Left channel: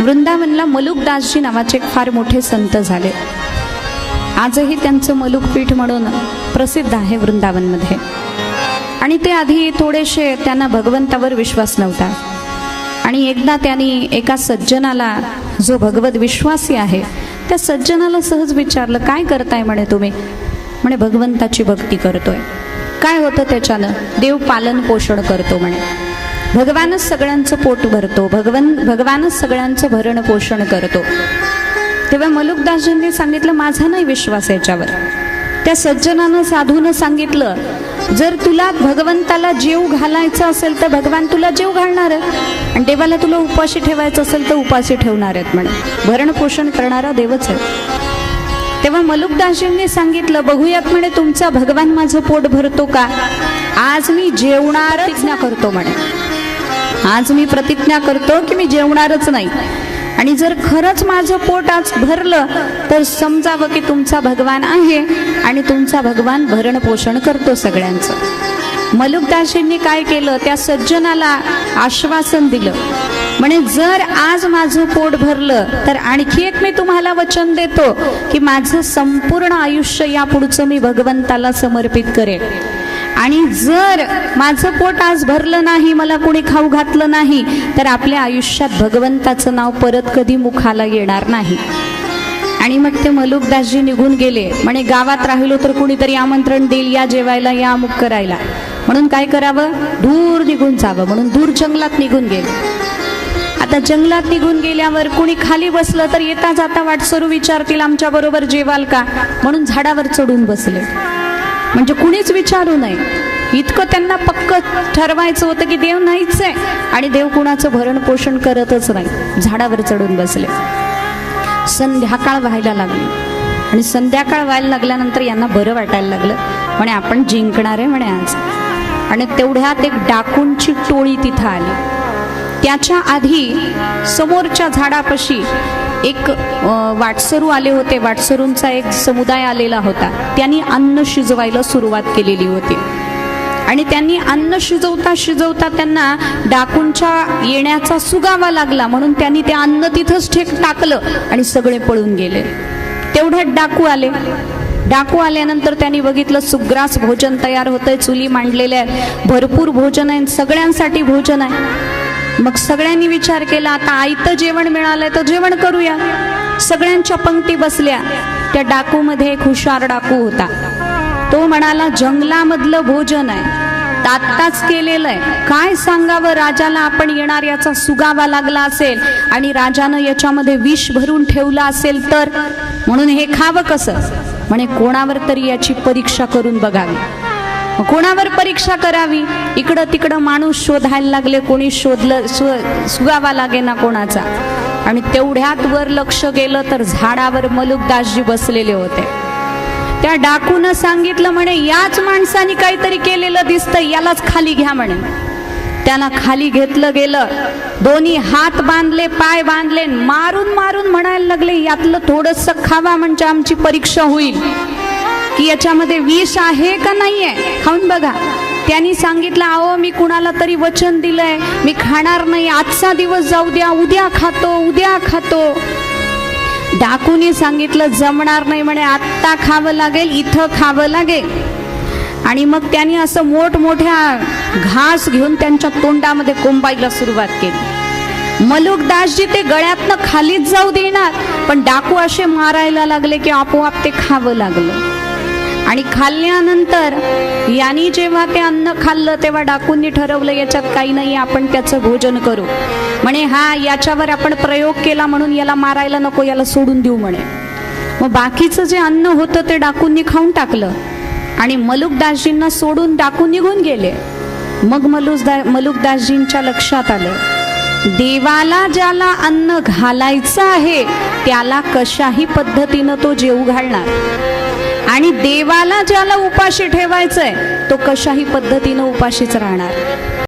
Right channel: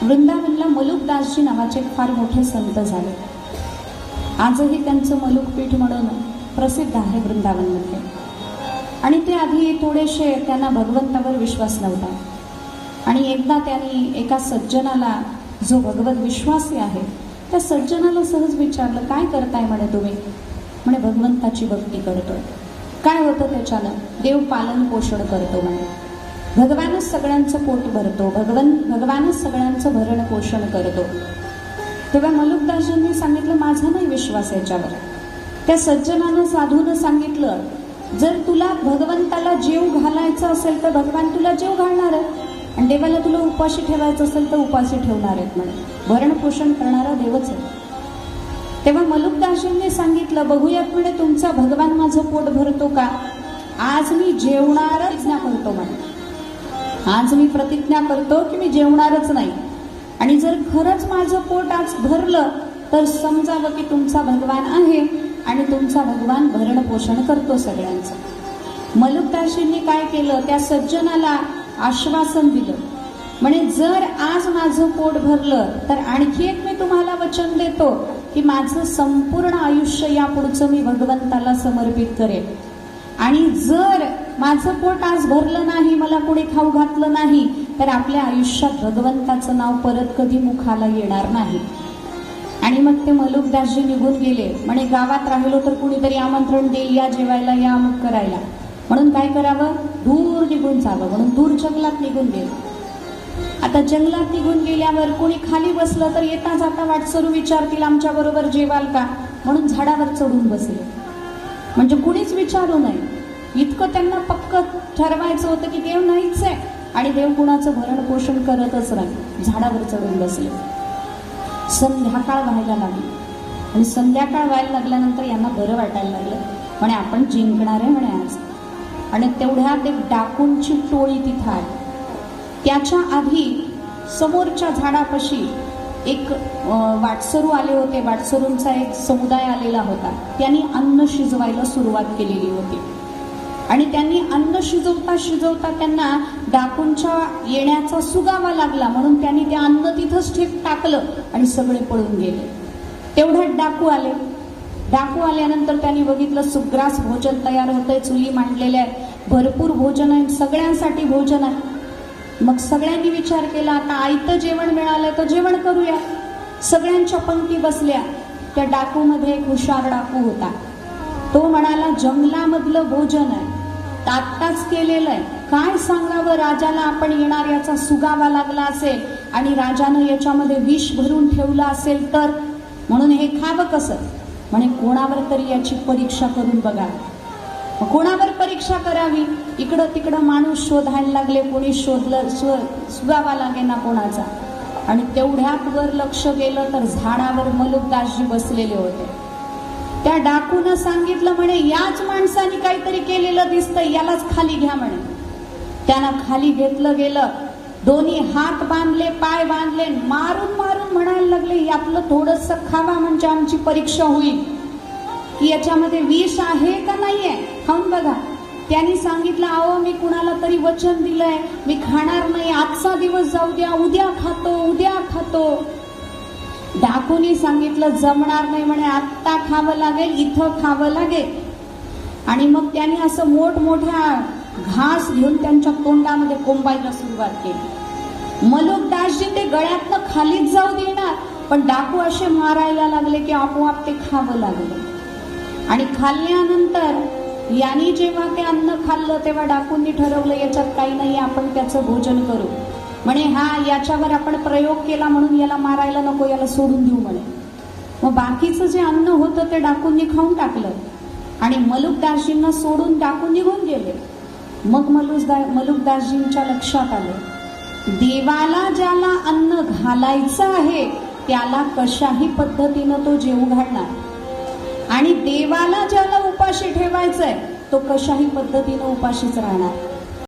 वृंदावनला मलुकदासजी नावाचे फार मोठे संत झाले. आजही त्यांचं मलुकपीठ म्हणून प्रसिद्ध आहे वृंदावनमध्ये. आणि ते आधी थोडेसे त्यांना भगवंतावर विश्वास नव्हता. आणि एकदा त्यांनी एका सज्जनाला जो भगवत विश्वासी आहे त्या सज्जनाला सहज विचारलं काय करताय? म्हणे तुम्ही. म्हणे भगवंताची भक्ती करतोय. काय होतं त्याच्यानं? देव पालन पोषण करतो म्हणे. भगवानच सगळ्यांचं पोट भरतो. भगवान भगवानच सगळ्यांचं भरण पोषण करतो. तेव्हा मलुकदासजींनी सांगितलं माझा नाही विश्वास याच्यावर. त्या सज्जनानं साधूनं सांगितलं जर तुला भगवंताला जीव घालायचा असेल तर भगवान तुला जीव घालणार आहे. आणि देवाला तुला उपाशी ठेवायचं असेल तर उपाशी ठेवणार आहेत म्हणे. भरण पोषण करणारा देवच आहे. तेव्हा मलुकदासजींनी सांगितलं बघूयात म्हणे तुमचा भगवान माझं पोट भरतो का? आज मी जेवणार ना करतो म्हणे. आज मी प्रतिज्ञा करतो की मी जेवणारच नाही. आणि जर खरंच माझं पोट आज भरलं तर समजावं की तुमचा भगवान आहे आणि तुमचा भगवान भरण पोषण करतो सगळ्यांचं. मलुकदाशींनी काय केलं? त्या सज्जनाला आश्वासन दिलं. म्हणे जर आज माझं पोट भरलं तर आणखी एक मी तुम्हाला वचन देतो की माझं संपूर्ण आयुष्य या पुढचं मी भगवंताला समर्पित करेन. आणि जर माझं पोट आज भरलं नाही मला कोणी खाऊ घातलं नाही तर आपल्या आयुष्यात भगवंताचं नाव परत कधी मुखाला येणार नाही. आणि मग ते मलुकदासजी निघून गेले. म्हणे गावात राहिलो तर कुणीतरी आमंत्रण देईल या जेवायला या अमुक करायला. म्हणून काय करावं? दूर निघून जावं. म्हणून दूर जंगलात निघून गेले. आता जंगलात निघून गेल्यावर कुणी खाली बसलं तर येता जाता वाटसरू विचारतील आमच्या बरोबर जेवाल का? म्हणून झाडावर चढून बसले. म्हणजे कुणीच विचारू नये. इतकं त्यांना पक्क ठरवायचं होतं की देव नाहीच आहे आणि देव कुणाचं भरण पोषण करतच नाही. झाडावर चढून बसले. संध्याकाळ व्हायला लागली. आणि संध्याकाळ व्हायला लागल्यानंतर यांना बरं वाटायला लागलं. म्हणे आपण जिंकणार आहे म्हणे आज. आणि तेवढ्यात एक डाकूंची टोळी तिथं आली. त्याच्या आधी समोरच्या झाडापाशी एक वाटसरू आले होते. वाटसरूंचा एक समुदाय आलेला होता. त्यांनी अन्न शिजवायला सुरुवात केलेली होती. आणि त्यांनी अन्न शिजवता शिजवता त्यांना डाकूंच्या येण्याचा सुगावा लागला. म्हणून त्यांनी ते अन्न तिथंच ठेक टाकलं आणि सगळे पळून गेले. तेवढ्यात डाकू आले. डाकू आल्यानंतर त्यांनी बघितलं सुग्रास भोजन तयार होतंय चुली मांडलेल्या आहे भरपूर भोजन आहे सगळ्यांसाठी भोजन आहे. मग सगळ्यांनी विचार केला आता आयतं जेवण मिळालंय तर जेवण करूया. सगळ्यांच्या पंक्ती बसल्या. त्या डाकू मध्ये एक हुशार डाकू होता. तो म्हणाला जंगलामधलं भोजन आहे. तात्ताच केलेलं आहे. काय सांगावं? राजाला आपण येणार याचा सुगावा लागला असेल आणि राजानं याच्यामध्ये विष भरून ठेवलं असेल तर? म्हणून हे खावं कसं? म्हणे कोणावर तरी याची परीक्षा करून बघावी. कोणावर परीक्षा करावी? इकडं तिकडं माणूस शोधायला लागले कोणी शोधलं सुगावा लागे ना कोणाचा. आणि तेवढ्यात वर लक्ष गेलं तर झाडावर मलुकदासजी बसलेले होते. त्या डाकून सांगितलं म्हणे याच माणसाने काहीतरी केलेलं दिसतं यालाच खाली घ्या म्हणे. त्याला खाली घेतलं गेलं. दोन्ही हात बांधले पाय बांधले मारून मारून म्हणायला लागले यातलं थोडस खावा म्हणजे आमची परीक्षा होईल. की याच्यामध्ये विष आहे का नाही आहे खाऊन बघा. त्यांनी सांगितलं अहो मी कुणाला तरी वचन दिलंय. मी खाणार नाही. आजचा दिवस जाऊ द्या. उद्या खातो उद्या खातो. डाकूने सांगितलं जमणार नाही म्हणे. आत्ता खावं लागेल इथं खावं लागेल. आणि मग त्यांनी असं मोठमोठ्या घास घेऊन त्यांच्या तोंडामध्ये कोंबायला सुरुवात केली. मलुकदासजी ते गळ्यातनं खालीच जाऊ देणार. पण डाकू असे मारायला लागले की आपोआप ते खावं लागलं. आणि खाल्ल्यानंतर यांनी जेव्हा ते अन्न खाल्लं तेव्हा डाकूंनी ठरवलं याच्यात काही नाही आपण त्याचं भोजन करू. म्हणे हा याच्यावर आपण प्रयोग केला म्हणून याला मारायला नको याला सोडून देऊ म्हणे. मग बाकीचं जे अन्न होतं ते डाकूंनी खाऊन टाकलं. आणि मलुकदासजींना सोडून डाकून निघून गेले. मग मलुसदा मलुकदासजींच्या लक्षात आलं. देवाला ज्याला अन्न घालायचं आहे त्याला कशाही पद्धतीनं तो जेव घालणार. आणि देवाला ज्याला उपाशी ठेवायचंय तो कशाही पद्धतीनं उपाशीच राहणार.